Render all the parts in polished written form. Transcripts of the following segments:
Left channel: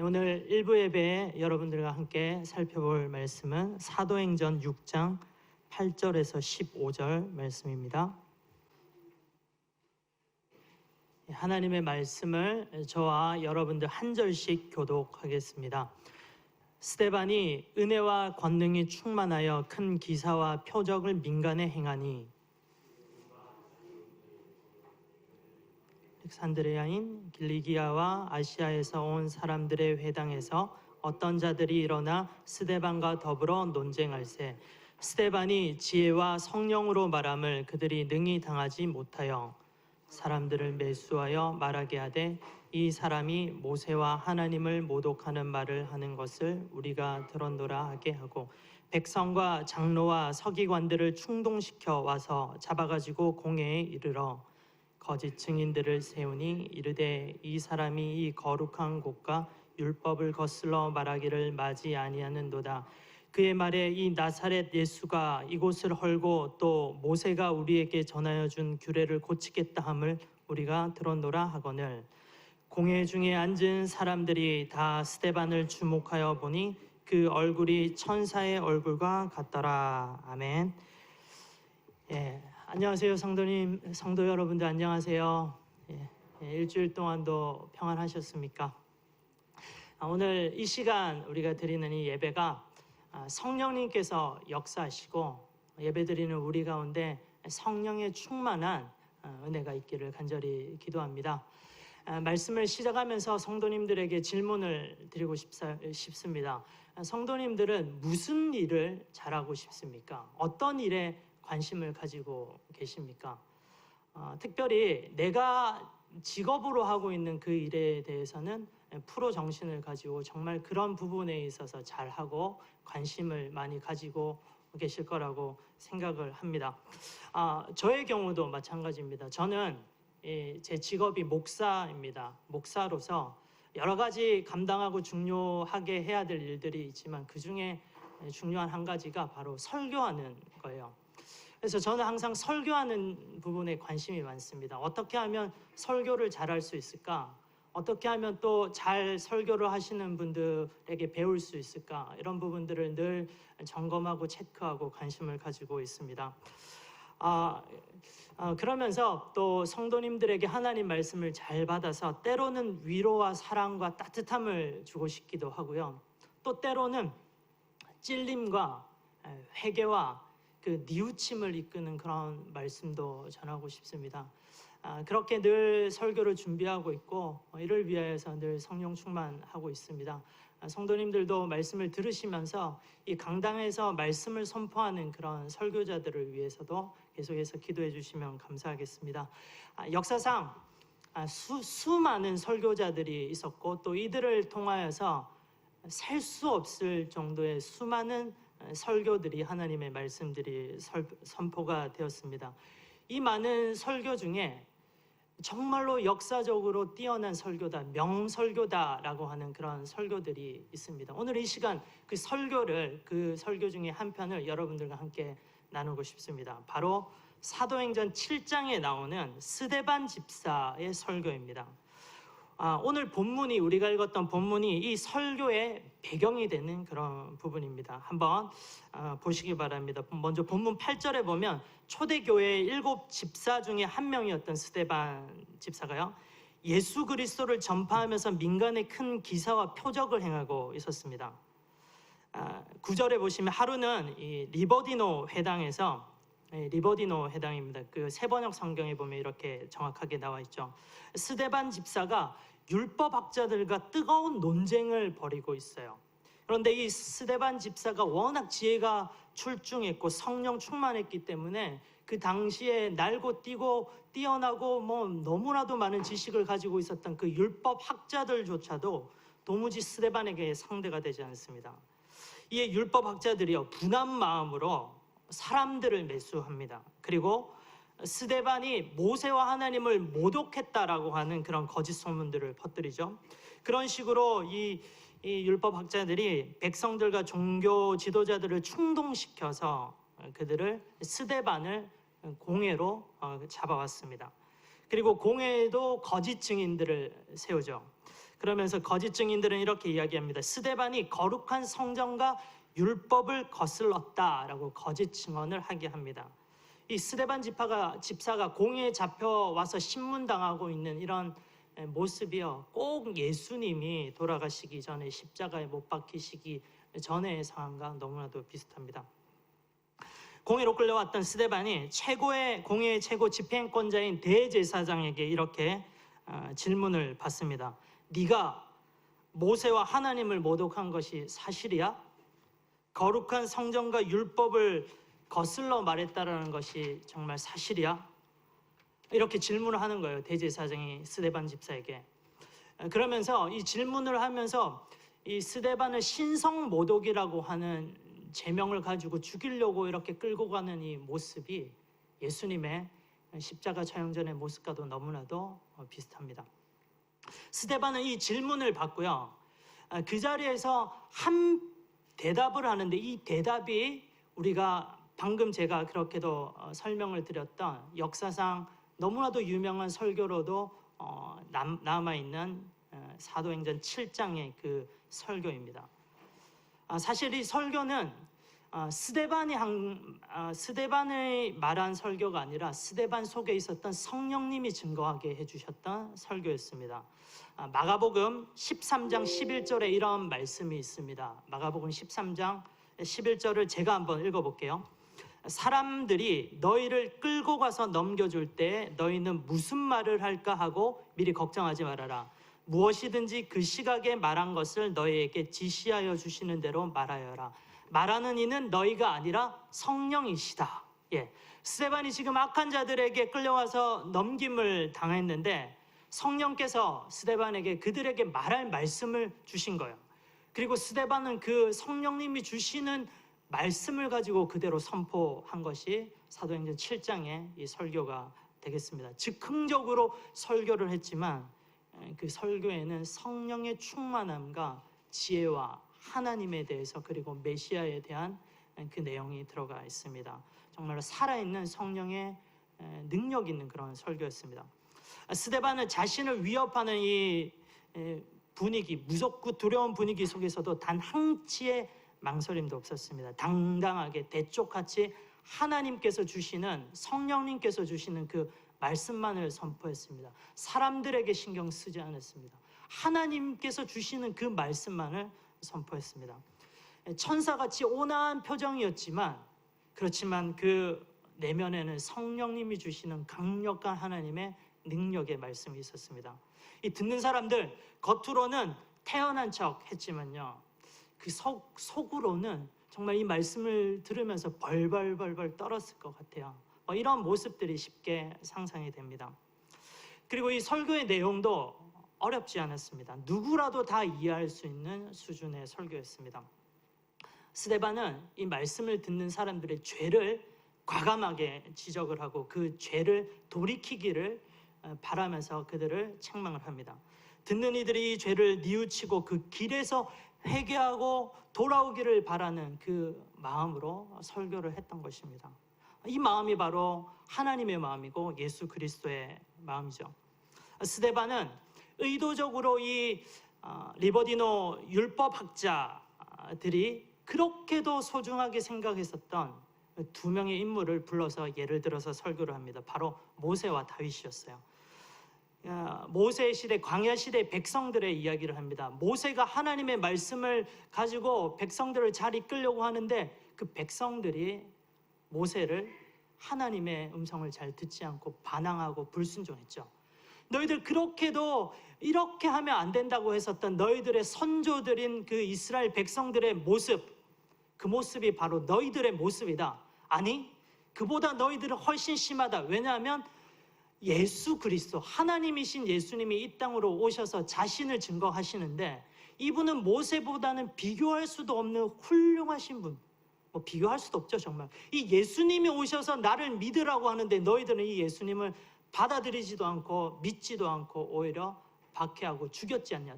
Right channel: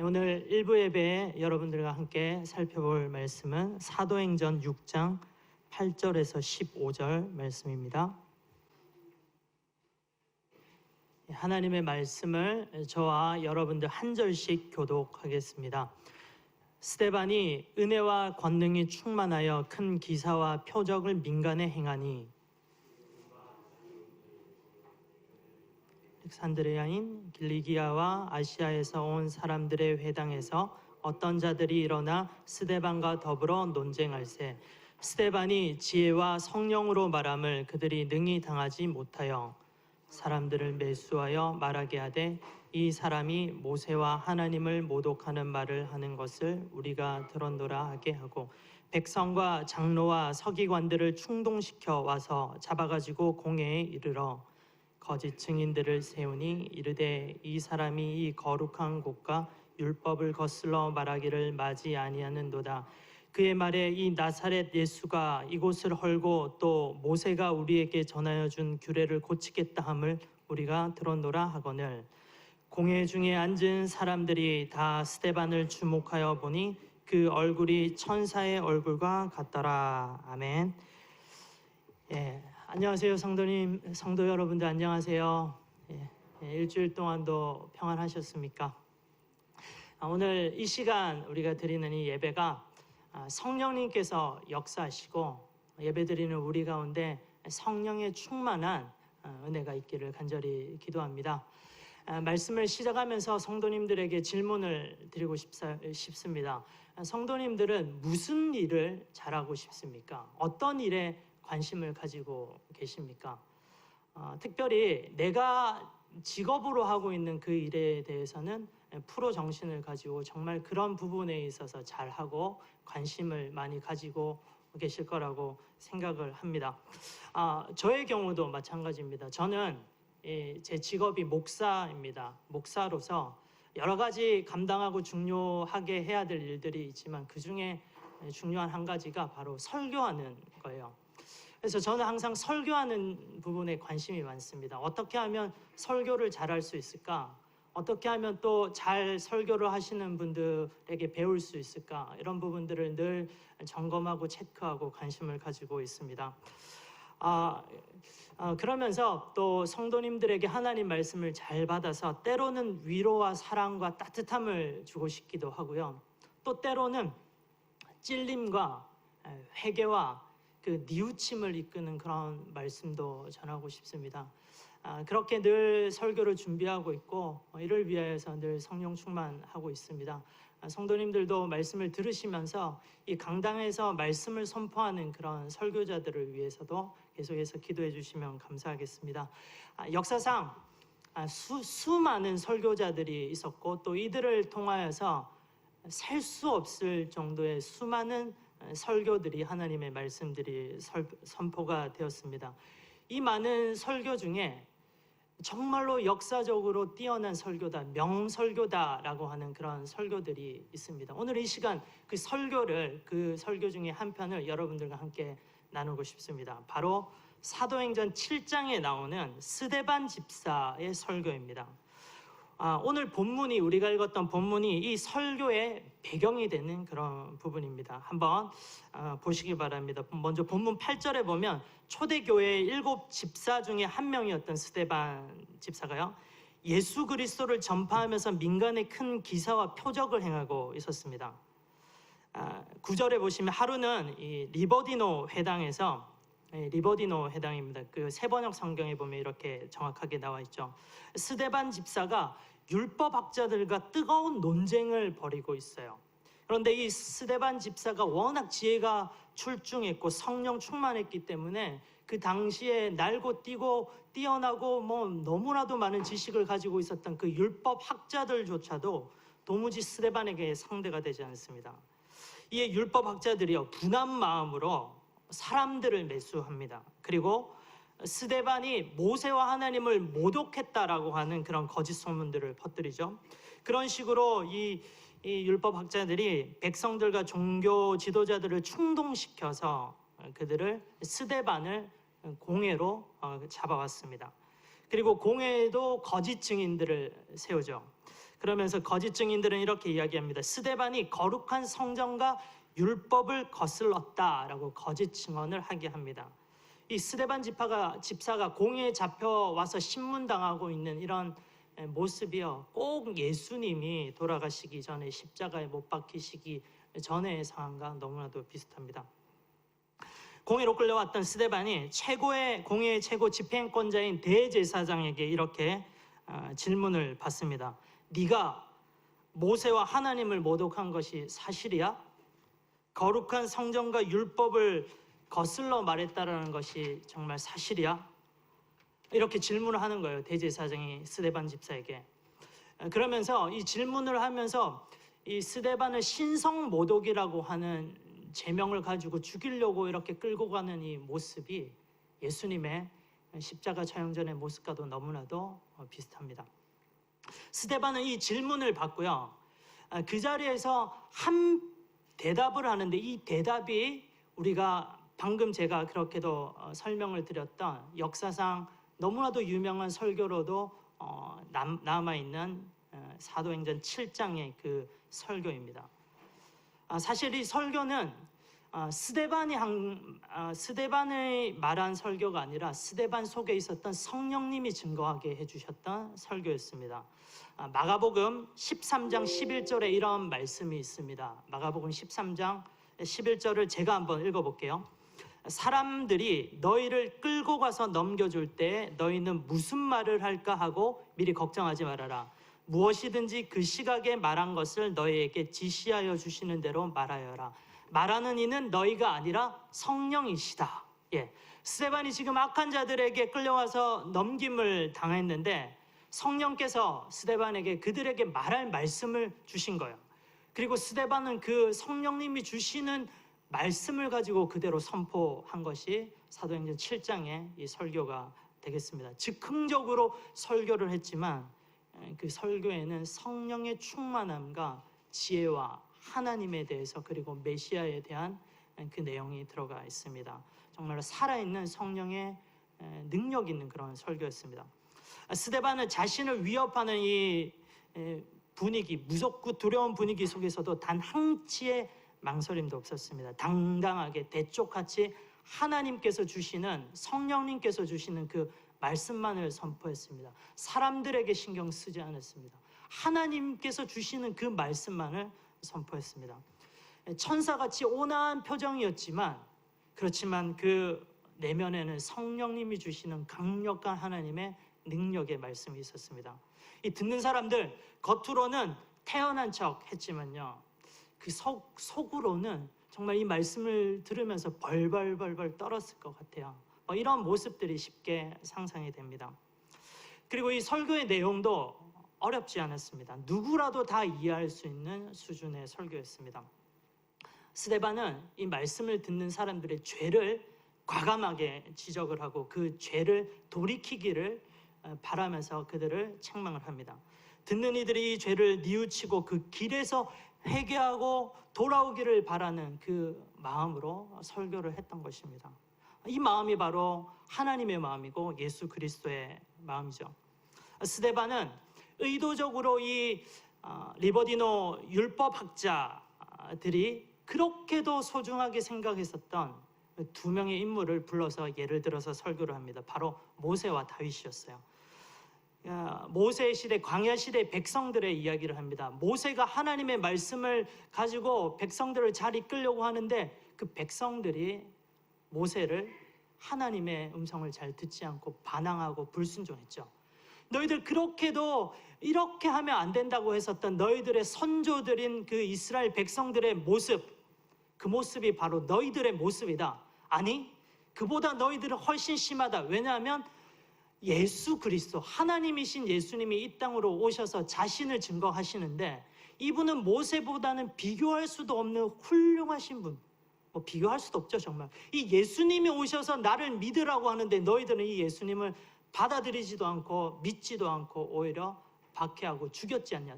오늘 1부 예배에 여러분들과 함께 살펴볼 말씀은 사도행전 6장 8절에서 15절 말씀입니다. 하나님의 말씀을 저와 여러분들 한 절씩 교독하겠습니다. 스데반이 은혜와 권능이 충만하여 큰 기사와 표적을 민간에 행하니 알렉산드리아인 길리기아와 아시아에서 온 사람들의 회당에서 어떤 자들이 일어나 스데반과 더불어 논쟁할세 스데반이 지혜와 성령으로 말함을 그들이 능히 당하지 못하여 사람들을 매수하여 말하게 하되 이 사람이 모세와 하나님을 모독하는 말을 하는 것을 우리가 들었노라 하게 하고 백성과 장로와 서기관들을 충동시켜 와서 잡아가지고 공회에 이르러 거짓 증인들을 세우니 이르되 이 사람이 이 거룩한 곳과 율법을 거슬러 말하기를 마지 아니하는도다. 그의 말에 이 나사렛 예수가 이곳을 헐고 또 모세가 우리에게 전하여 준 규례를 고치겠다 함을 우리가 들었노라 하거늘 공회 중에 앉은 사람들이 다 스데반을 주목하여 보니 그 얼굴이 천사의 얼굴과 같더라. 아멘. 안녕하세요, 성도님, 성도 여러분들 안녕하세요. 일주일 동안도 평안하셨습니까? 오늘 이 시간 우리가 드리는 이 예배가 성령님께서 역사하시고 예배드리는 우리 가운데 성령의 충만한 은혜가 있기를 간절히 기도합니다. 말씀을 시작하면서 성도님들에게 질문을 드리고 싶습니다. 성도님들은 무슨 일을 잘하고 싶습니까? 어떤 일에 관심을 가지고 계십니까? 특별히 내가 직업으로 하고 있는 그 일에 대해서는 프로 정신을 가지고 정말 그런 부분에 있어서 잘하고 관심을 많이 가지고 계실 거라고 생각을 합니다. 저의 경우도 마찬가지입니다. 저는 제 직업이 목사입니다. 목사로서 여러 가지 감당하고 중요하게 해야 될 일들이 있지만 그 중에 중요한 한 가지가 바로 설교하는 거예요. 그래서 저는 항상 설교하는 부분에 관심이 많습니다. 어떻게 하면 설교를 잘할 수 있을까? 어떻게 하면 또 잘 설교를 하시는 분들에게 배울 수 있을까? 이런 부분들을 늘 점검하고 체크하고 관심을 가지고 있습니다. 그러면서 또 성도님들에게 하나님 말씀을 잘 받아서 때로는 위로와 사랑과 따뜻함을 주고 싶기도 하고요. 또 때로는 찔림과 회개와 그 뉘우침을 이끄는 그런 말씀도 전하고 싶습니다. 그렇게 늘 설교를 준비하고 있고 이를 위하여서 늘 성령 충만하고 있습니다. 성도님들도 말씀을 들으시면서 이 강당에서 말씀을 선포하는 그런 설교자들을 위해서도 계속해서 기도해 주시면 감사하겠습니다. 역사상 수많은 설교자들이 있었고 또 이들을 통하여서 셀 수 없을 정도의 수많은 설교들이 하나님의 말씀들이 선포가 되었습니다. 이 많은 설교 중에 정말로 역사적으로 뛰어난 설교다, 명설교다라고 하는 그런 설교들이 있습니다. 오늘 이 시간 그 설교 중에 한 편을 여러분들과 함께 나누고 싶습니다. 바로 사도행전 7장에 나오는 스데반 집사의 설교입니다. 오늘 본문이 우리가 읽었던 본문이 이 설교의 배경이 되는 그런 부분입니다. 한번 보시기 바랍니다. 먼저 본문 8절에 보면 초대교회의 7 집사 중에 한 명이었던 스데반 집사가요, 예수 그리스도를 전파하면서 민간에 큰 기사와 표적을 행하고 있었습니다. 9절에 보시면 하루는 이 리버디노 회당에서, 리버디노 회당입니다. 그 세번역 성경에 보면 이렇게 정확하게 나와 있죠. 스데반 집사가 율법학자들과 뜨거운 논쟁을 벌이고 있어요. 그런데 이 스데반 집사가 워낙 지혜가 출중했고 성령 충만했기 때문에 그 당시에 날고 뛰고 뛰어나고 너무나도 많은 지식을 가지고 있었던 그 율법학자들조차도 도무지 스데반에게 상대가 되지 않습니다. 이 율법학자들이요, 분한 마음으로 사람들을 매수합니다. 그리고 스데반이 모세와 하나님을 모독했다라고 하는 그런 거짓 소문들을 퍼뜨리죠. 그런 식으로 이 율법학자들이 백성들과 종교 지도자들을 충동시켜서 그들을 스데반을 공회로 잡아왔습니다. 그리고 공회에도 거짓 증인들을 세우죠. 그러면서 거짓 증인들은 이렇게 이야기합니다. 스데반이 거룩한 성전과 율법을 거슬렀다라고 거짓 증언을 하게 합니다. 이 스데반 집사가 공회에 잡혀와서 신문당하고 있는 이런 모습이요, 꼭 예수님이 돌아가시기 전에 십자가에 못 박히시기 전의 상황과 너무나도 비슷합니다. 공회로 끌려갔던 스데반이 공회의 최고 집행권자인 대제사장에게 이렇게 질문을 받습니다. 네가 모세와 하나님을 모독한 것이 사실이야? 거룩한 성전과 율법을 거슬러 말했다라는 것이 정말 사실이야? 이렇게 질문을 하는 거예요, 대제사장이 스데반 집사에게. 그러면서 이 질문을 하면서 이 스데반을 신성모독이라고 하는 제명을 가지고 죽이려고 이렇게 끌고 가는 이 모습이 예수님의 십자가 처형전의 모습과도 너무나도 비슷합니다. 스데반은 이 질문을 받고요, 그 자리에서 한 대답을 하는데, 이 대답이 우리가 방금 제가 그렇게도 설명을 드렸던 역사상 너무나도 유명한 설교로도 남아있는 사도행전 7장의 그 설교입니다. 사실 이 설교는 스데반이 말한 설교가 아니라 스데반 속에 있었던 성령님이 증거하게 해주셨던 설교였습니다. 마가복음 13장 11절에 이런 말씀이 있습니다. 마가복음 13장 11절을 제가 한번 읽어볼게요. 사람들이 너희를 끌고 가서 넘겨줄 때 너희는 무슨 말을 할까 하고 미리 걱정하지 말아라. 무엇이든지 그 시각에 말한 것을 너희에게 지시하여 주시는 대로 말하여라. 말하는 이는 너희가 아니라 성령이시다. 스데반이 지금 악한 자들에게 끌려와서 넘김을 당했는데 성령께서 스데반에게 그들에게 말할 말씀을 주신 거예요. 그리고 스데반은 그 성령님이 주시는 말씀을 가지고 그대로 선포한 것이 사도행전 7장의 이 설교가 되겠습니다. 즉흥적으로 설교를 했지만 그 설교에는 성령의 충만함과 지혜와 하나님에 대해서 그리고 메시아에 대한 그 내용이 들어가 있습니다. 정말 살아있는 성령의 능력 있는 그런 설교였습니다. 스데반은 자신을 위협하는 이 분위기, 무섭고 두려운 분위기 속에서도 단 한치의 망설임도 없었습니다. 당당하게 대쪽같이 하나님께서 주시는, 성령님께서 주시는 그 말씀만을 선포했습니다. 사람들에게 신경 쓰지 않았습니다. 하나님께서 주시는 그 말씀만을 선포했습니다. 천사같이 온화한 표정이었지만, 그렇지만 그 내면에는 성령님이 주시는 강력한 하나님의 능력의 말씀이 있었습니다. 이 듣는 사람들 겉으로는 태연한 척 했지만요, 그 속으로는 정말 이 말씀을 들으면서 벌벌벌벌 떨었을 것 같아요. 이런 모습들이 쉽게 상상이 됩니다. 그리고 이 설교의 내용도 어렵지 않았습니다. 누구라도 다 이해할 수 있는 수준의 설교였습니다. 스데반은 이 말씀을 듣는 사람들의 죄를 과감하게 지적을 하고 그 죄를 돌이키기를 바라면서 그들을 책망을 합니다. 듣는 이들이 이 죄를 뉘우치고 그 길에서 회개하고 돌아오기를 바라는 그 마음으로 설교를 했던 것입니다. 이 마음이 바로 하나님의 마음이고 예수 그리스도의 마음이죠. 스데반은 의도적으로 이 리버디노 율법학자들이 그렇게도 소중하게 생각했었던 두 명의 인물을 불러서 예를 들어서 설교를 합니다. 바로 모세와 다윗이었어요. 모세의 시대, 광야 시대 백성들의 이야기를 합니다. 모세가 하나님의 말씀을 가지고 백성들을 잘 이끌려고 하는데 그 백성들이 모세를 하나님의 음성을 잘 듣지 않고 반항하고 불순종했죠. 너희들 그렇게도 이렇게 하면 안 된다고 했었던 너희들의 선조들인 그 이스라엘 백성들의 모습, 그 모습이 바로 너희들의 모습이다. 아니, 그보다 너희들은 훨씬 심하다. 왜냐하면 예수 그리스도, 하나님이신 예수님이 이 땅으로 오셔서 자신을 증거하시는데 이분은 모세보다는 비교할 수도 없는 훌륭하신 분, 비교할 수도 없죠. 정말 이 예수님이 오셔서 나를 믿으라고 하는데 너희들은 이 예수님을 받아들이지도 않고 믿지도 않고 오히려 박해하고 죽였지 않냐.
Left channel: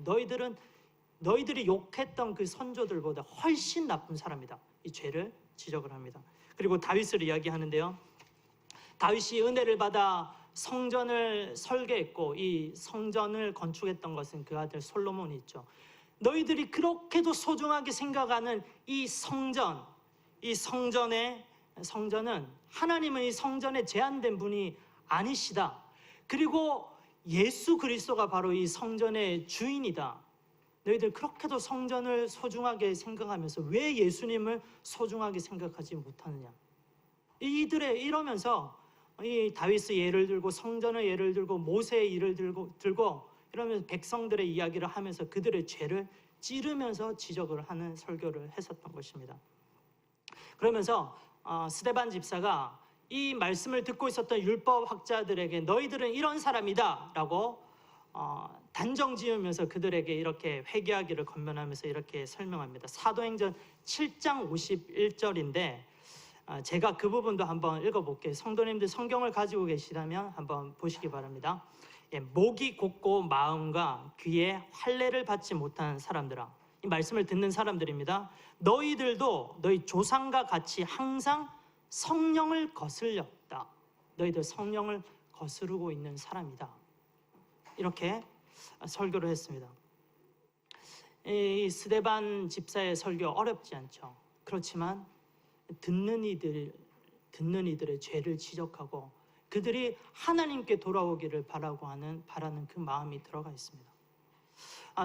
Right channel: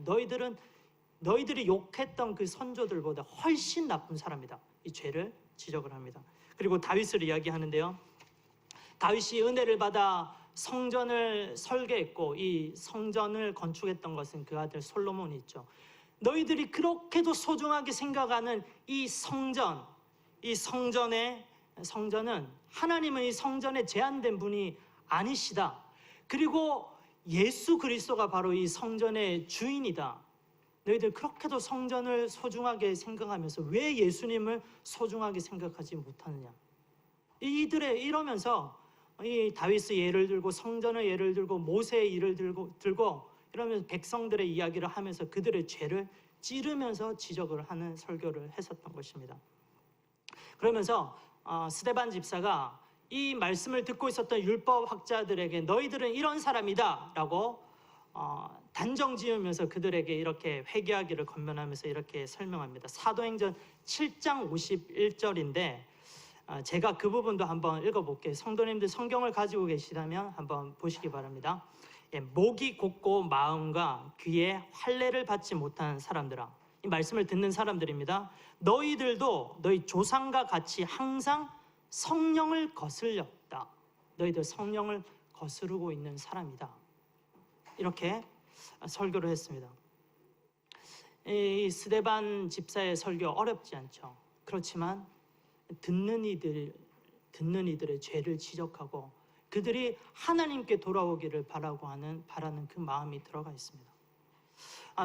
너희들이 욕했던 그 선조들보다 훨씬 나쁜 사람이다. 이 죄를 지적을 합니다. 그리고 다윗을 이야기하는데요, 다윗이 은혜를 받아 성전을 설계했고 이 성전을 건축했던 것은 그 아들 솔로몬이 있죠. 너희들이 그렇게도 소중하게 생각하는 이 성전, 이 성전은 하나님은 이 성전에 제한된 분이 아니시다. 그리고 예수 그리스도가 바로 이 성전의 주인이다. 너희들 그렇게도 성전을 소중하게 생각하면서 왜 예수님을 소중하게 생각하지 못하느냐. 이러면서 이 다윗의 예를 들고 성전의 예를 들고 모세의 예를 들고 이러면서 백성들의 이야기를 하면서 그들의 죄를 찌르면서 지적을 하는 설교를 했었던 것입니다. 그러면서 스데반 집사가 이 말씀을 듣고 있었던 율법학자들에게 너희들은 이런 사람이다 라고 단정 지으면서 그들에게 이렇게 회개하기를 권면하면서 이렇게 설명합니다. 사도행전 7장 51절인데 제가 그 부분도 한번 읽어볼게요. 성도님들 성경을 가지고 계시다면 한번 보시기 바랍니다. 목이 곧고 마음과 귀에 할례를 받지 못한 사람들아, 이 말씀을 듣는 사람들입니다. 너희들도 너희 조상과 같이 항상 성령을 거슬렸다. 너희들 성령을 거스르고 있는 사람이다. 이렇게 설교를 했습니다. 이 스데반 집사의 설교 어렵지 않죠. 그렇지만 듣는 이들의 죄를 지적하고 그들이 하나님께 돌아오기를 바라는 그 마음이 들어가 있습니다.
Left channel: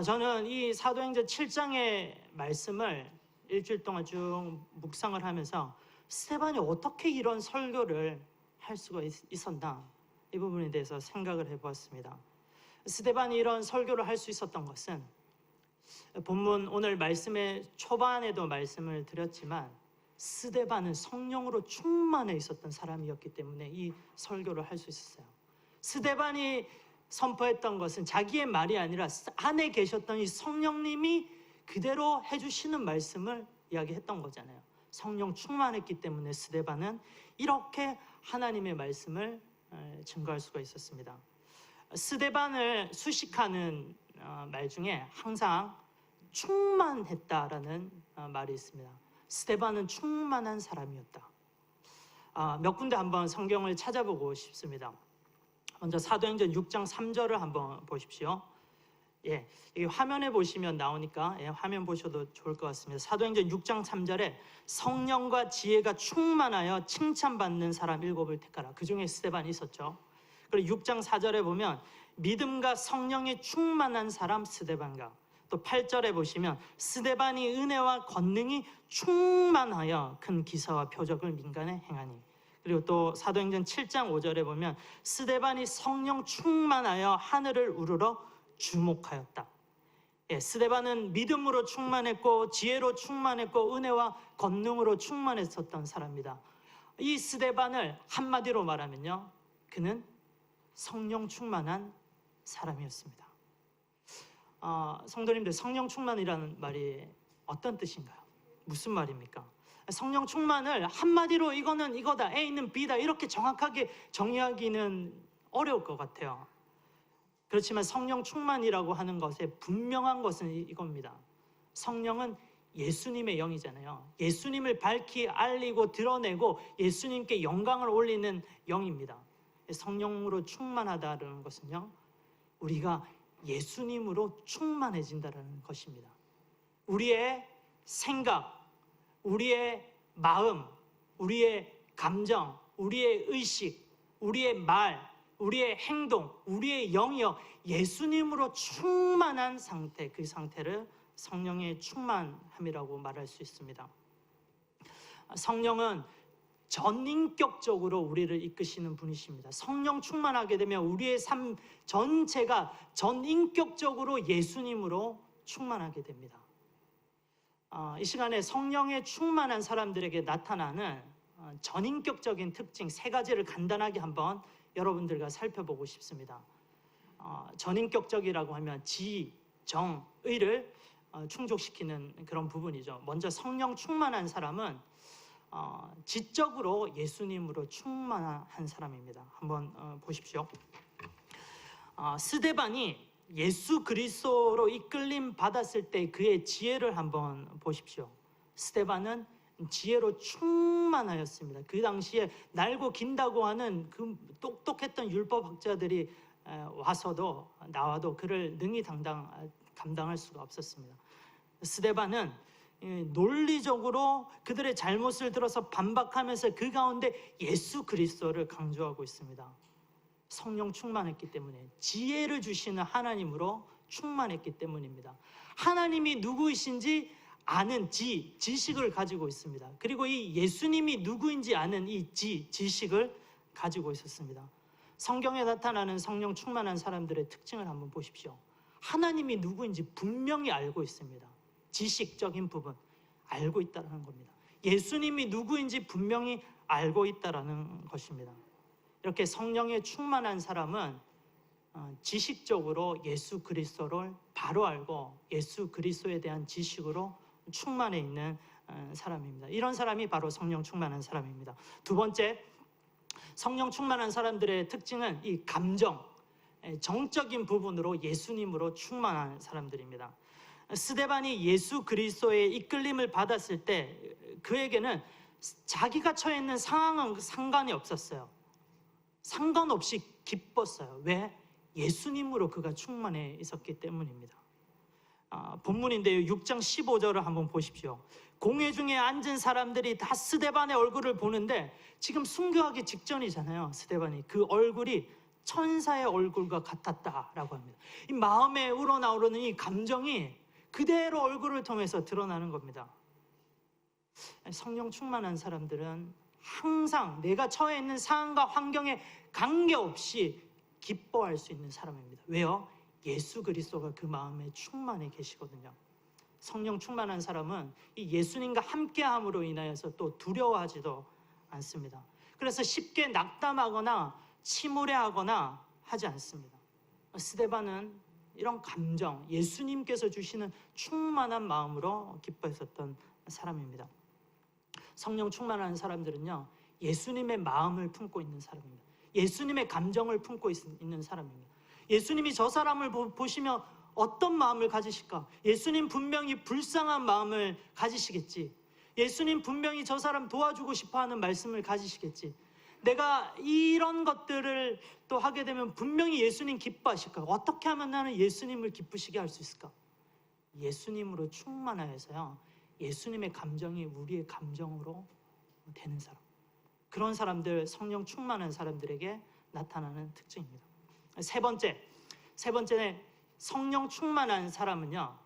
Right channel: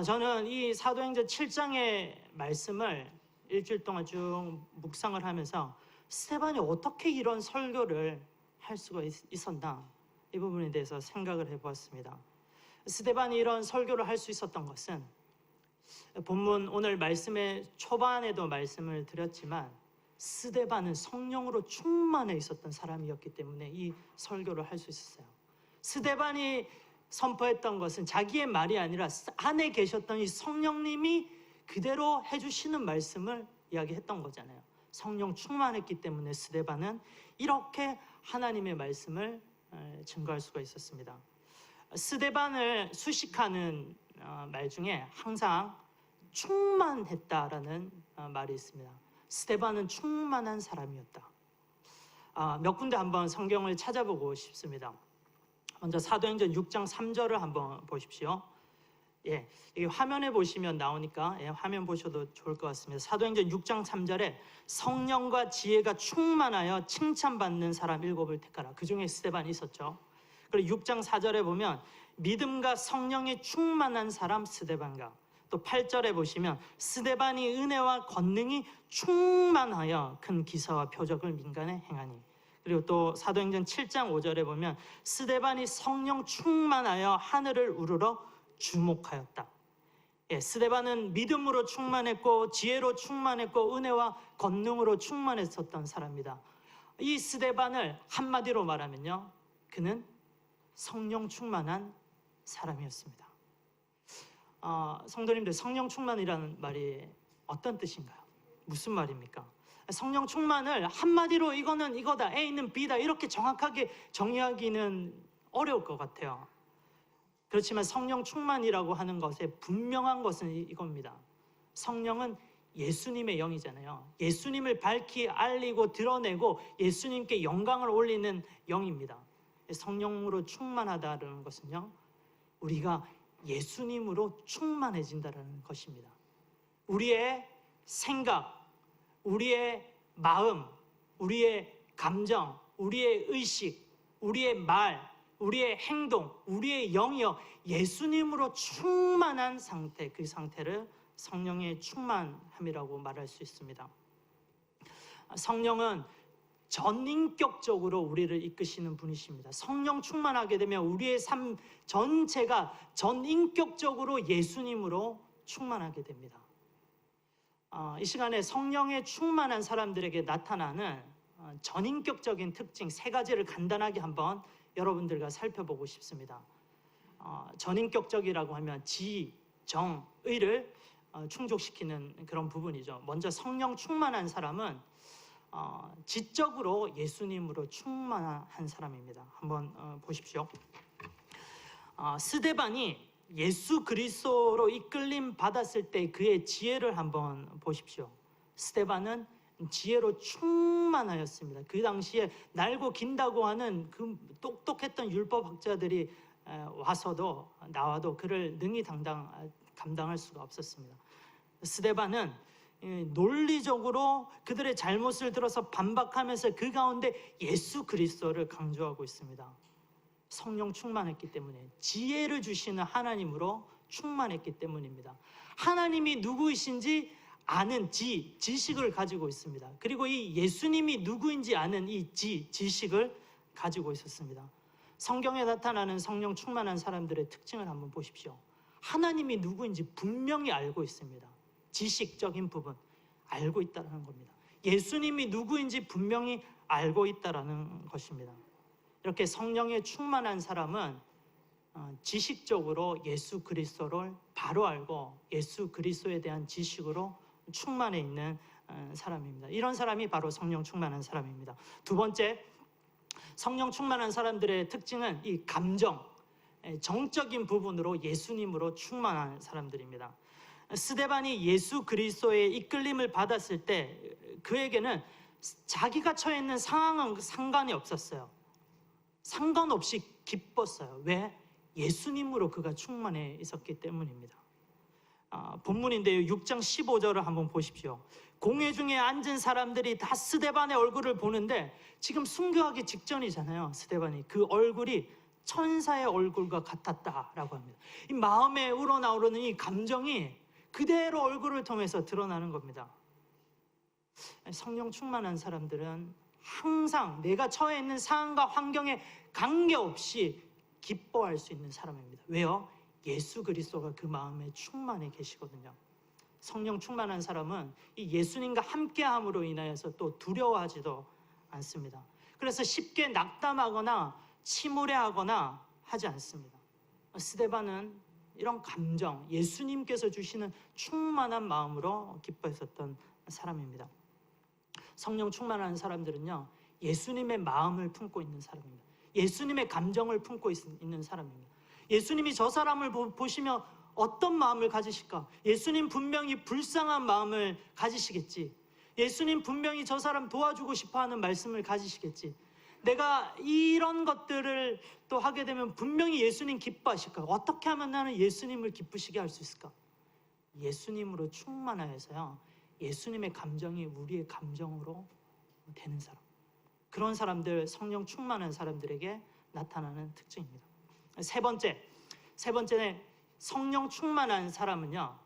저는 이 사도행전 7장의 말씀을 일주일 동안 쭉 묵상을 하면서 스데반이 어떻게 이런 설교를 할 수가 있었나, 이 부분에 대해서 생각을 해보았습니다. 스데반이 이런 설교를 할 수 있었던 것은 본문 오늘 말씀의 초반에도 말씀을 드렸지만 스데반은 성령으로 충만해 있었던 사람이었기 때문에 이 설교를 할 수 있었어요. 스데반이 선포했던 것은 자기의 말이 아니라 안에 계셨던 이 성령님이 그대로 해주시는 말씀을 이야기했던 거잖아요. 성령 충만했기 때문에 스데반은 이렇게 하나님의 말씀을 증거할 수가 있었습니다. 스데반을 수식하는 말 중에 항상 충만했다라는 말이 있습니다. 스데반은 충만한 사람이었다. 몇 군데 한번 성경을 찾아보고 싶습니다. 먼저 사도행전 6장 3절을 한번 보십시오. 이 화면에 보시면 나오니까 화면 보셔도 좋을 것 같습니다. 사도행전 6장 3절에 성령과 지혜가 충만하여 칭찬받는 사람 7을 택하라. 그 중에 스데반이 있었죠. 그리고 6장 4절에 보면 믿음과 성령에 충만한 사람 스데반과, 또 8절에 보시면 스데반이 은혜와 권능이 충만하여 큰 기사와 표적을 민간에 행하니, 그리고 또 사도행전 7장 5절에 보면 스데반이 성령 충만하여 하늘을 우러러 주목하였다. 스데반은 믿음으로 충만했고 지혜로 충만했고 은혜와 권능으로 충만했었던 사람입니다. 이 스데반을 한마디로 말하면요, 그는 성령 충만한 사람이었습니다. 성도님들, 성령 충만이라는 말이 어떤 뜻인가요? 무슨 말입니까? 성령 충만을 한마디로 이거는 이거다, A는 B다 이렇게 정확하게 정의하기는 어려울 것 같아요. 그렇지만 성령 충만이라고 하는 것의 분명한 것은 이겁니다. 성령은 예수님의 영이잖아요. 예수님을 밝히 알리고 드러내고 예수님께 영광을 올리는 영입니다. 성령으로 충만하다는 것은요, 우리가 예수님으로 충만해진다는 것입니다. 우리의 생각, 우리의 마음, 우리의 감정, 우리의 의식, 우리의 말, 우리의 행동, 우리의 영이요, 예수님으로 충만한 상태, 그 상태를 성령의 충만함이라고 말할 수 있습니다. 성령은 전인격적으로 우리를 이끄시는 분이십니다. 성령 충만하게 되면 우리의 삶 전체가 전인격적으로 예수님으로 충만하게 됩니다. 이 시간에 성령에 충만한 사람들에게 나타나는 전인격적인 특징 3가지를 간단하게 한번 여러분들과 살펴보고 싶습니다. 전인격적이라고 하면 지, 정, 의를 충족시키는 그런 부분이죠. 먼저 성령 충만한 사람은 지적으로 예수님으로 충만한 사람입니다. 한번 보십시오. 스데반이 예수 그리스도로 이끌림 받았을 때 그의 지혜를 한번 보십시오. 스데반은 지혜로 충만하였습니다. 그 당시에 날고 긴다고 하는 그 똑똑했던 율법학자들이 나와도 그를 능히 감당할 수가 없었습니다. 스데반은 논리적으로 그들의 잘못을 들어서 반박하면서 그 가운데 예수 그리스도를 강조하고 있습니다. 성령 충만했기 때문에, 지혜를 주시는 하나님으로 충만했기 때문입니다. 하나님이 누구이신지 아는 지식을 가지고 있습니다. 그리고 이 예수님이 누구인지 아는 이 지식을 가지고 있었습니다. 성경에 나타나는 성령 충만한 사람들의 특징을 한번 보십시오. 하나님이 누구인지 분명히 알고 있습니다. 지식적인 부분 알고 있다는 겁니다. 예수님이 누구인지 분명히 알고 있다는 것입니다. 이렇게 성령에 충만한 사람은 지식적으로 예수 그리스도를 바로 알고 예수 그리스도에 대한 지식으로 충만해 있는 사람입니다. 이런 사람이 바로 성령 충만한 사람입니다. 두 번째, 성령 충만한 사람들의 특징은 이 감정, 정적인 부분으로 예수님으로 충만한 사람들입니다. 스데반이 예수 그리스도의 이끌림을 받았을 때 그에게는 자기가 처해 있는 상황은 상관이 없었어요. 상관없이 기뻤어요. 왜? 예수님으로 그가 충만해 있었기 때문입니다. 본문인데요, 6장 15절을 한번 보십시오. 공회 중에 앉은 사람들이 다 스데반의 얼굴을 보는데 지금 순교하기 직전이잖아요. 스데반이 그 얼굴이 천사의 얼굴과 같았다라고 합니다. 이 마음에 우러나오는 이 감정이 그대로 얼굴을 통해서 드러나는 겁니다. 성령 충만한 사람들은 항상 내가 처해 있는 상황과 환경에 관계없이 기뻐할 수 있는 사람입니다. 왜요? 예수 그리스도가 그 마음에 충만해 계시거든요. 성령 충만한 사람은 이 예수님과 함께함으로 인하여서 또 두려워하지도 않습니다. 그래서 쉽게 낙담하거나 침울해하거나 하지 않습니다. 스데반은 이런 감정, 예수님께서 주시는 충만한 마음으로 기뻐했었던 사람입니다. 성령 충만한 사람들은요, 예수님의 마음을 품고 있는 사람입니다. 예수님의 감정을 품고 있는 사람입니다. 예수님이 저 사람을 보시면 어떤 마음을 가지실까? 예수님 분명히 불쌍한 마음을 가지시겠지. 예수님 분명히 저 사람 도와주고 싶어하는 말씀을 가지시겠지. 내가 이런 것들을 또 하게 되면 분명히 예수님 기뻐하실까? 어떻게 하면 나는 예수님을 기쁘시게 할 수 있을까? 예수님으로 충만하여서요, 예수님의 감정이 우리의 감정으로 되는 사람, 그런 사람들, 성령 충만한 사람들에게 나타나는 특징입니다. 세 번째는 성령 충만한 사람은요,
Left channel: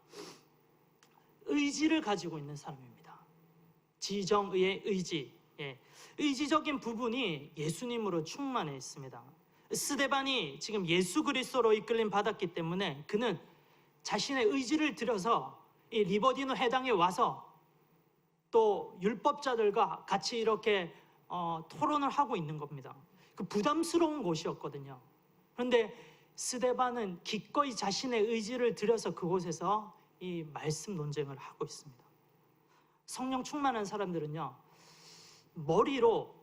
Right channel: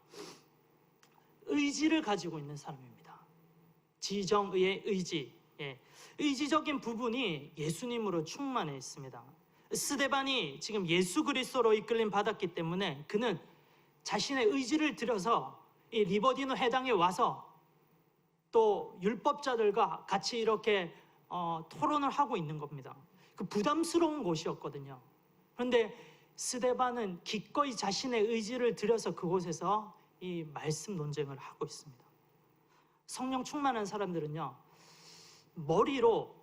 의지를 가지고 있는 사람입니다. 지정의의 의지, 의지적인 부분이 예수님으로 충만해 있습니다. 스데반이 지금 예수 그리스도로 이끌림 받았기 때문에 그는 자신의 의지를 들여서 이 리버디노 해당에 와서 또 율법자들과 같이 이렇게 토론을 하고 있는 겁니다. 그 부담스러운 곳이었거든요. 그런데 스데반은 기꺼이 자신의 의지를 들여서 그곳에서 이 말씀 논쟁을 하고 있습니다. 성령 충만한 사람들은요, 머리로,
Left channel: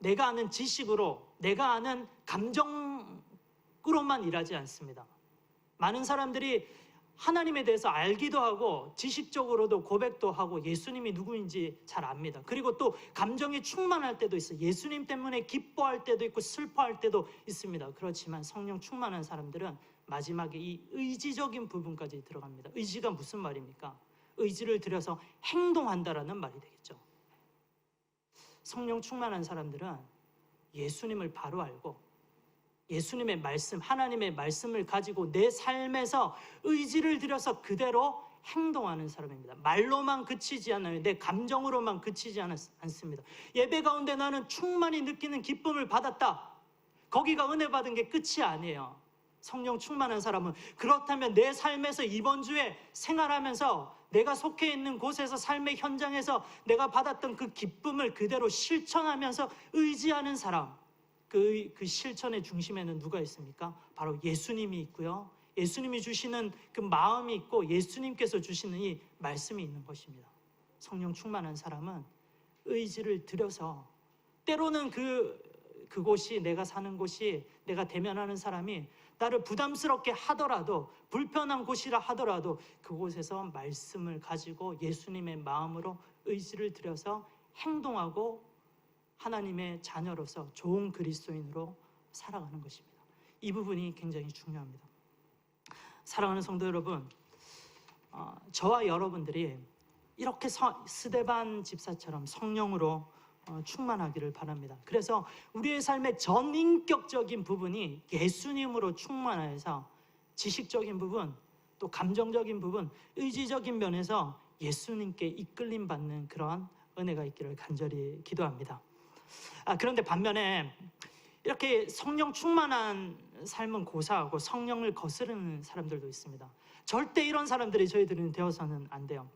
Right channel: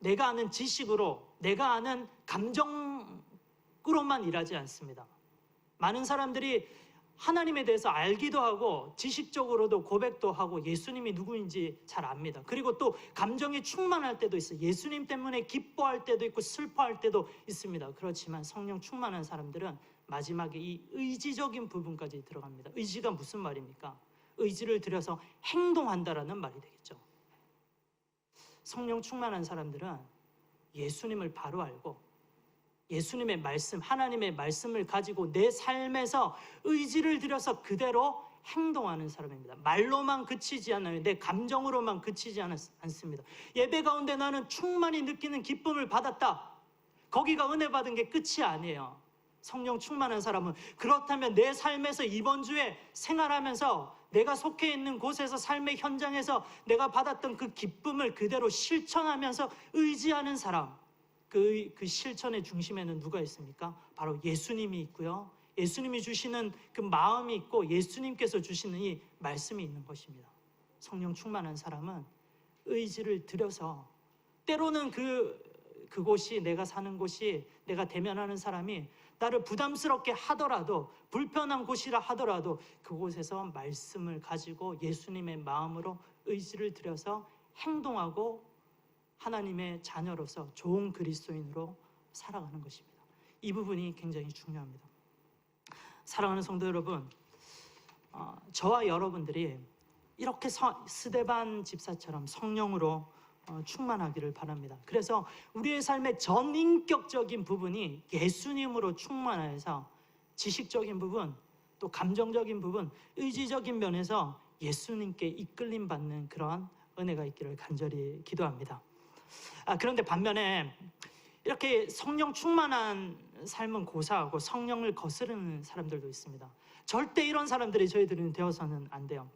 내가 아는 지식으로, 내가 아는 감정으로만 일하지 않습니다. 많은 사람들이 하나님에 대해서 알기도 하고 지식적으로도 고백도 하고 예수님이 누구인지 잘 압니다. 그리고 또 감정이 충만할 때도 있어요. 예수님 때문에 기뻐할 때도 있고 슬퍼할 때도 있습니다. 그렇지만 성령 충만한 사람들은 마지막에 이 의지적인 부분까지 들어갑니다. 의지가 무슨 말입니까? 의지를 들여서 행동한다라는 말이 되겠죠. 성령 충만한 사람들은 예수님을 바로 알고 예수님의 말씀, 하나님의 말씀을 가지고 내 삶에서 의지를 들여서 그대로 행동하는 사람입니다. 말로만 그치지 않아요. 내 감정으로만 그치지 않습니다. 예배 가운데 나는 충만히 느끼는 기쁨을 받았다. 거기가 은혜 받은 게 끝이 아니에요. 성령 충만한 사람은 그렇다면 내 삶에서 이번 주에 생활하면서 내가 속해 있는 곳에서 삶의 현장에서 내가 받았던 그 기쁨을 그대로 실천하면서 의지하는 사람, 그 실천의 중심에는 누가 있습니까? 바로 예수님이 있고요, 예수님이 주시는 그 마음이 있고 예수님께서 주시는 이 말씀이 있는 것입니다. 성령 충만한 사람은 의지를 들여서, 때로는 그곳이, 내가 사는 곳이, 내가 대면하는 사람이 나를 부담스럽게 하더라도, 불편한 곳이라 하더라도 그곳에서 말씀을 가지고 예수님의 마음으로 의지를 들여서 행동하고 하나님의 자녀로서 좋은 그리스도인으로 살아가는 것입니다. 이 부분이 굉장히 중요합니다. 사랑하는 성도 여러분, 저와 여러분들이 이렇게 스데반 집사처럼 성령으로 충만하기를 바랍니다. 그래서 우리의 삶의 전인격적인 부분이 예수님으로 충만해서 지식적인 부분, 또 감정적인 부분, 의지적인 면에서 예수님께 이끌림 받는 그러한 은혜가 있기를 간절히 기도합니다. 그런데 반면에 이렇게 성령 충만한 삶은 고사하고 성령을 거스르는 사람들도 있습니다. 절대 이런 사람들이 저희들은 되어서는 안 돼요.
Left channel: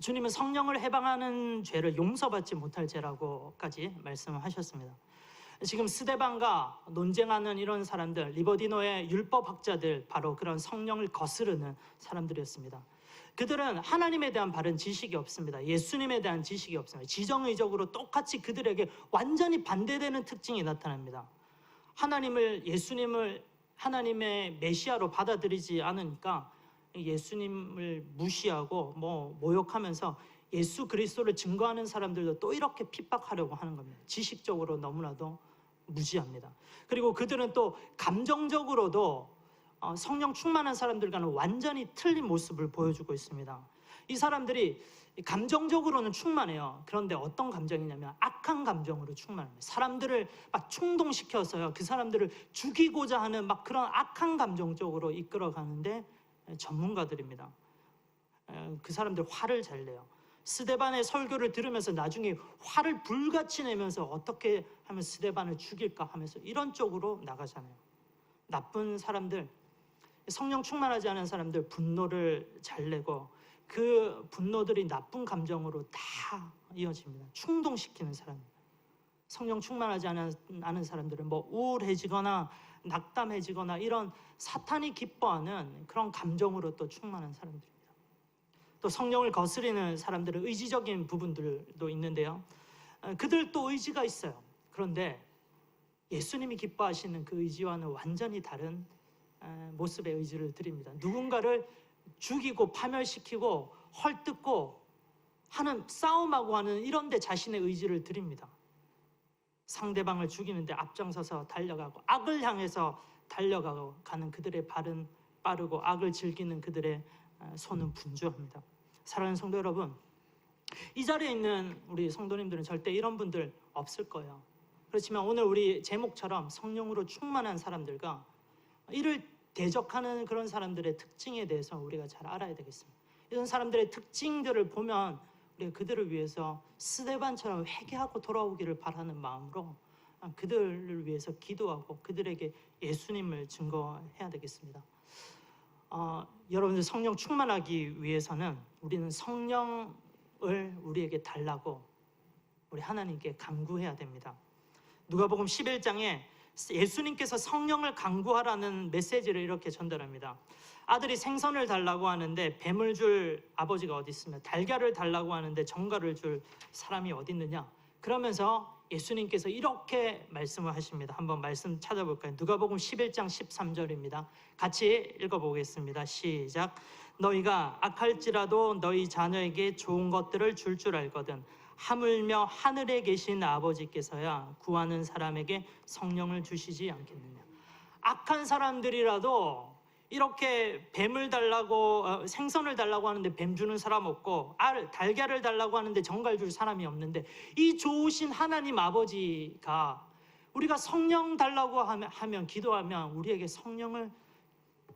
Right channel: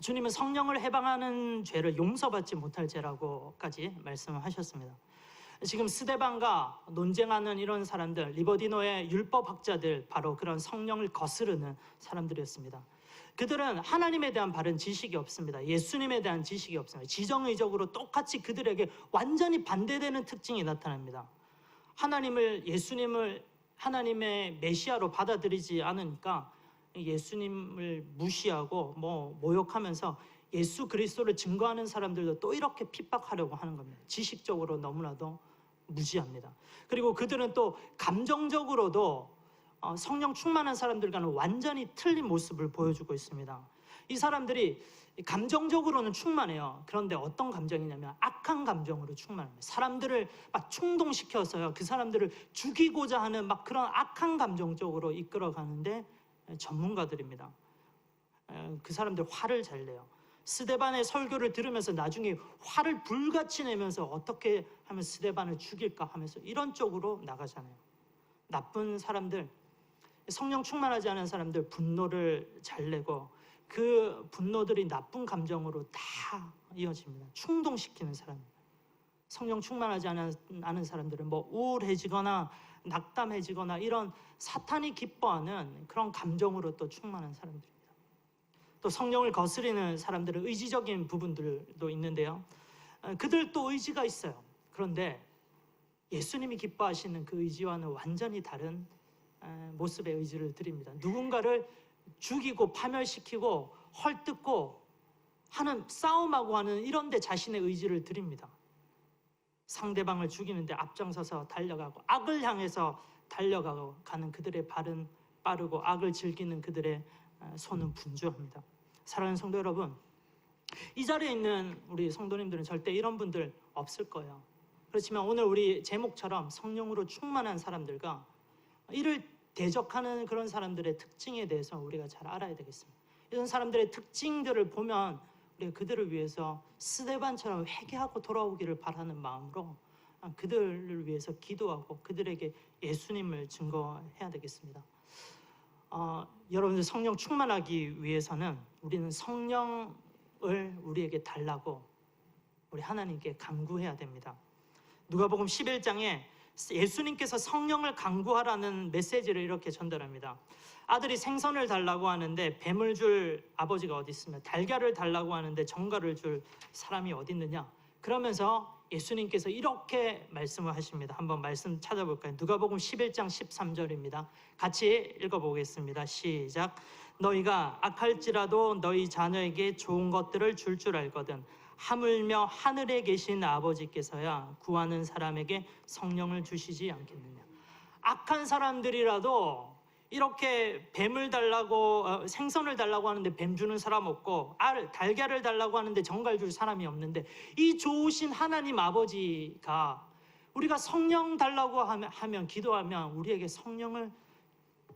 주님은 성령을 해방하는 죄를 용서받지 못할 죄라고까지 말씀을 하셨습니다. 지금 스데반과 논쟁하는 이런 사람들, 리버디노의 율법학자들, 바로 그런 성령을 거스르는 사람들이었습니다. 그들은 하나님에 대한 바른 지식이 없습니다. 예수님에 대한 지식이 없습니다. 지정의적으로 똑같이 그들에게 완전히 반대되는 특징이 나타납니다. 예수님을 하나님의 메시아로 받아들이지 않으니까 예수님을 무시하고 모욕하면서 예수 그리스도를 증거하는 사람들도 또 이렇게 핍박하려고 하는 겁니다. 지식적으로 너무나도 무지합니다. 그리고 그들은 또 감정적으로도 성령 충만한 사람들과는 완전히 틀린 모습을 보여주고 있습니다. 이 사람들이 감정적으로는 충만해요. 그런데 어떤 감정이냐면 악한 감정으로 충만합니다. 사람들을 막 충동시켜서요, 그 사람들을 죽이고자 하는 막 그런 악한 감정 쪽으로 이끌어가는데 전문가들입니다. 그 사람들 화를 잘 내요. 스데반의 설교를 들으면서 나중에 화를 불같이 내면서 어떻게 하면 스데반을 죽일까 하면서 이런 쪽으로 나가잖아요. 나쁜 사람들, 성령 충만하지 않은 사람들 분노를 잘 내고 그 분노들이 나쁜 감정으로 다 이어집니다. 충동시키는 사람. 성령 충만하지 않은 사람들은 우울해지거나 낙담해지거나 이런 사탄이 기뻐하는 그런 감정으로 또 충만한 사람들입니다. 또 성령을 거스리는 사람들은 의지적인 부분들도 있는데요. 그들도 의지가 있어요. 그런데 예수님이 기뻐하시는 그 의지와는 완전히 다른 모습의 의지를 드립니다. 누군가를 죽이고 파멸시키고 헐뜯고 하는, 싸움하고 하는 이런 데 자신의 의지를 드립니다. 상대방을 죽이는데 앞장서서 달려가고 악을 향해서 달려가는 그들의 발은 빠르고 악을 즐기는 그들의 손은 분주합니다. 사랑하는 성도 여러분, 이 자리에 있는 우리 성도님들은 절대 이런 분들 없을 거예요. 그렇지만 오늘 우리 제목처럼 성령으로 충만한 사람들과 이를 대적하는 그런 사람들의 특징에 대해서 우리가 잘 알아야 되겠습니다. 이런 사람들의 특징들을 보면 우리가 그들을 위해서 스데반처럼 회개하고 돌아오기를 바라는 마음으로 그들을 위해서 기도하고 그들에게 예수님을 증거해야 되겠습니다. 여러분들 성령 충만하기 위해서는 우리는 성령을 우리에게 달라고 우리 하나님께 간구해야 됩니다. 누가복음 11장에 예수님께서 성령을 간구하라는 메시지를 이렇게 전달합니다. 아들이 생선을 달라고 하는데 뱀을 줄 아버지가 어디 있으며 달걀을 달라고 하는데 정갈을 줄 사람이 어디 있느냐. 그러면서 예수님께서 이렇게 말씀을 하십니다. 한번 말씀 찾아볼까요? 누가복음 11장 13절입니다. 같이 읽어보겠습니다. 시작. 너희가 악할지라도 너희 자녀에게 좋은 것들을 줄 알거든 하물며 하늘에 계신 아버지께서야 구하는 사람에게 성령을 주시지 않겠느냐. 악한 사람들이라도 이렇게 뱀을 달라고 생선을 달라고 하는데 뱀 주는 사람 없고 달걀을 달라고 하는데 정갈 줄 사람이 없는데 이 좋으신 하나님 아버지가 우리가 성령 달라고 하면 기도하면 우리에게 성령을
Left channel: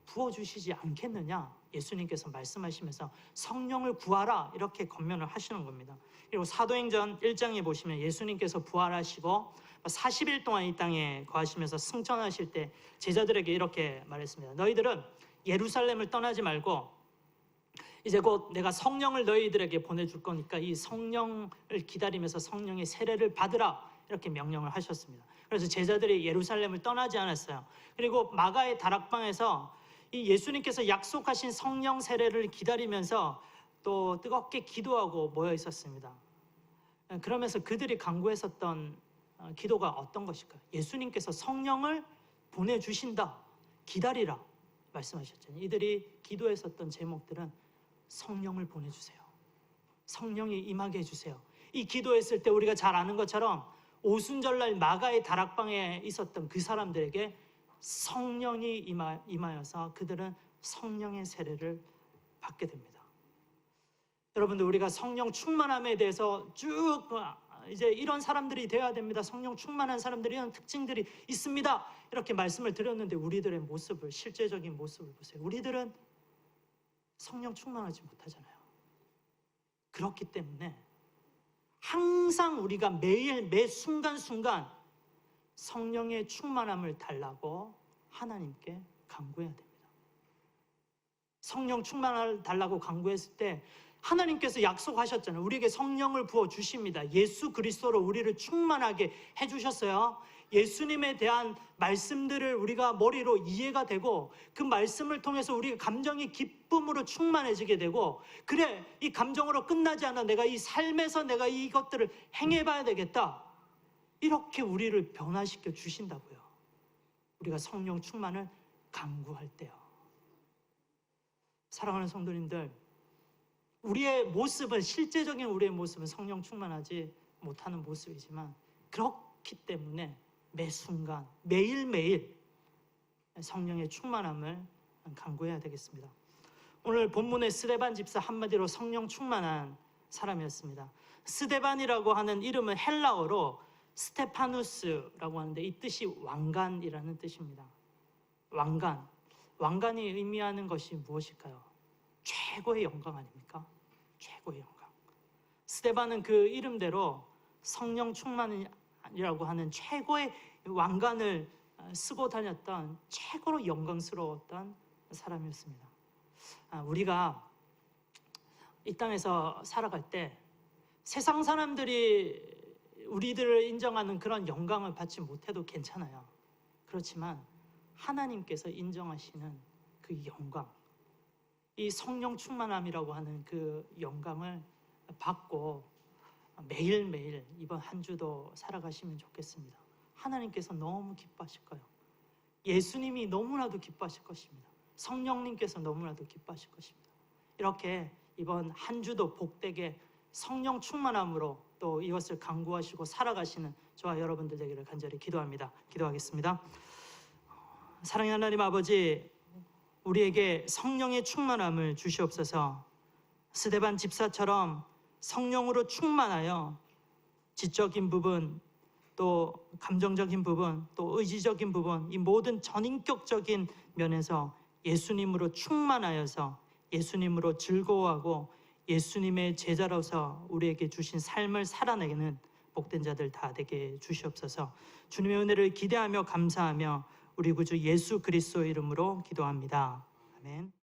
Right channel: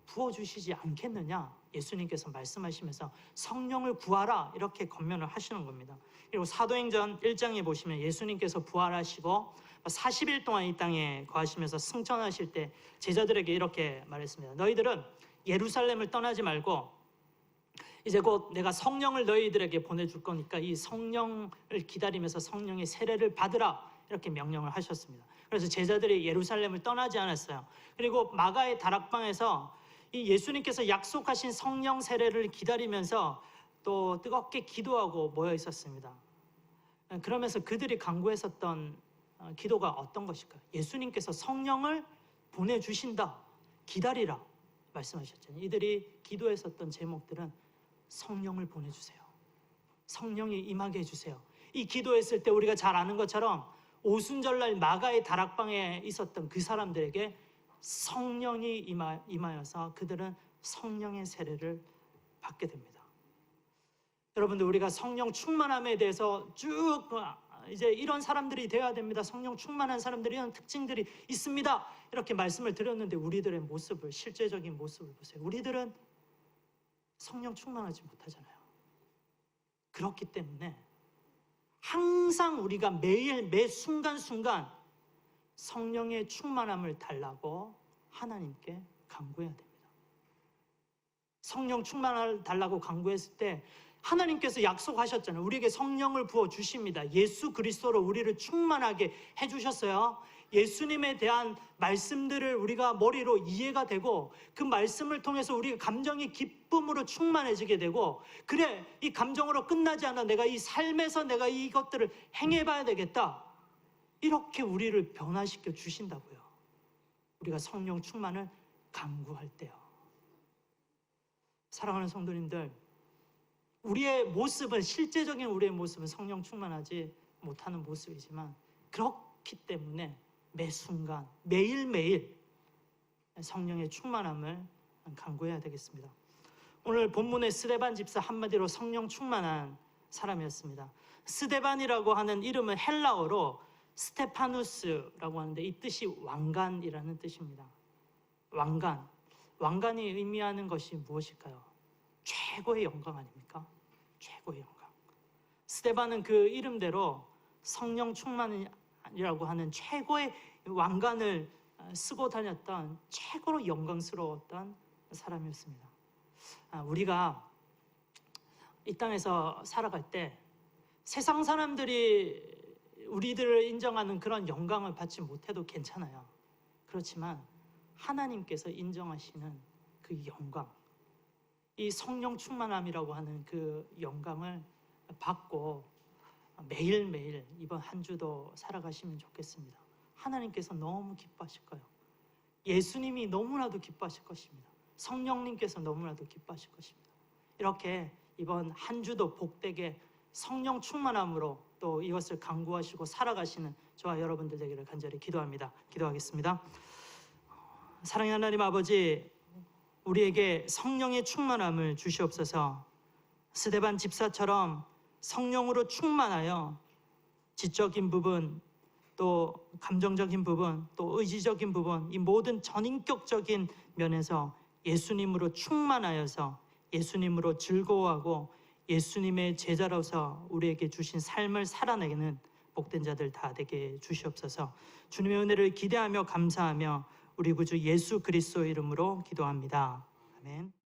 부어주시지 않겠느냐. 예수님께서 말씀하시면서 성령을 구하라 이렇게 권면을 하시는 겁니다. 그리고 사도행전 1장에 보시면 예수님께서 부활하시고 40일 동안 이 땅에 거하시면서 승천하실 때 제자들에게 이렇게 말했습니다. 너희들은 예루살렘을 떠나지 말고 이제 곧 내가 성령을 너희들에게 보내줄 거니까 이 성령을 기다리면서 성령의 세례를 받으라 이렇게 명령을 하셨습니다. 그래서 제자들이 예루살렘을 떠나지 않았어요. 그리고 마가의 다락방에서 이 예수님께서 약속하신 성령 세례를 기다리면서 또 뜨겁게 기도하고 모여 있었습니다. 그러면서 그들이 간구했었던 기도가 어떤 것일까요? 예수님께서 성령을 보내주신다. 기다리라 말씀하셨잖아요. 이들이 기도했었던 제목들은 성령을 보내주세요. 성령이 임하게 해주세요. 이 기도했을 때 우리가 잘 아는 것처럼 오순절날 마가의 다락방에 있었던 그 사람들에게 성령이 임하여서 그들은 성령의 세례를 받게 됩니다. 여러분들, 우리가 성령 충만함에 대해서 쭉 이제 이런 사람들이 되어야 됩니다. 성령 충만한 사람들이 이런 특징들이 있습니다. 이렇게 말씀을 드렸는데 우리들의 모습을, 실제적인 모습을 보세요. 우리들은 성령 충만하지 못하잖아요. 그렇기 때문에 항상 우리가 매일 매 순간순간 성령의 충만함을 달라고 하나님께 간구해야 됩니다. 성령 충만함을 달라고 간구했을 때 하나님께서 약속하셨잖아요. 우리에게 성령을 부어주십니다. 예수 그리스도로 우리를 충만하게 해주셨어요. 예수님에 대한 말씀들을 우리가 머리로 이해가 되고 그 말씀을 통해서 우리의 감정이 기쁨으로 충만해지게 되고, 그래, 이 감정으로 끝나지 않아. 내가 이 삶에서 내가 이것들을 행해봐야 되겠다. 이렇게 우리를 변화시켜 주신다고요. 우리가 성령 충만을 간구할 때요. 사랑하는 성도님들, 우리의 모습은, 실제적인 우리의 모습은 성령 충만하지 못하는 모습이지만, 그렇기 때문에 매 순간 매일매일 성령의 충만함을 간구해야 되겠습니다. 오늘 본문의 스데반 집사 한마디로 성령 충만한 사람이었습니다. 스데반이라고 하는 이름은 헬라어로 스테파누스라고 하는데 이 뜻이 왕관이라는 뜻입니다. 왕관. 왕관이 의미하는 것이 무엇일까요? 최고의 영광 아닙니까? 최고의 영광. 스데반은 그 이름대로 성령 충만이라고 하는 최고의 왕관을 쓰고 다녔던 최고로 영광스러웠던 사람이었습니다. 우리가 이 땅에서 살아갈 때 세상 사람들이 우리들을 인정하는 그런 영광을 받지 못해도 괜찮아요. 그렇지만 하나님께서 인정하시는 그 영광, 이 성령 충만함이라고 하는 그 영광을 받고 매일매일 이번 한 주도 살아가시면 좋겠습니다. 하나님께서 너무 기뻐하실 거예요. 예수님이 너무나도 기뻐하실 것입니다. 성령님께서 너무나도 기뻐하실 것입니다. 이렇게 이번 한 주도 복되게 성령 충만함으로 또 이것을 간구하시고 살아가시는 저와 여러분들 되기를 간절히 기도합니다. 기도하겠습니다. 사랑의 하나님 아버지, 우리에게 성령의 충만함을 주시옵소서. 스데반 집사처럼 성령으로 충만하여 지적인 부분, 또 감정적인 부분, 또 의지적인 부분, 이 모든 전인격적인 면에서 예수님으로 충만하여서 예수님으로 즐거워하고 예수님의 제자로서 우리에게 주신 삶을 살아내는 복된 자들 다 되게 주시옵소서. 주님의 은혜를 기대하며 감사하며 우리 구주 예수 그리스도 이름으로 기도합니다. 아멘.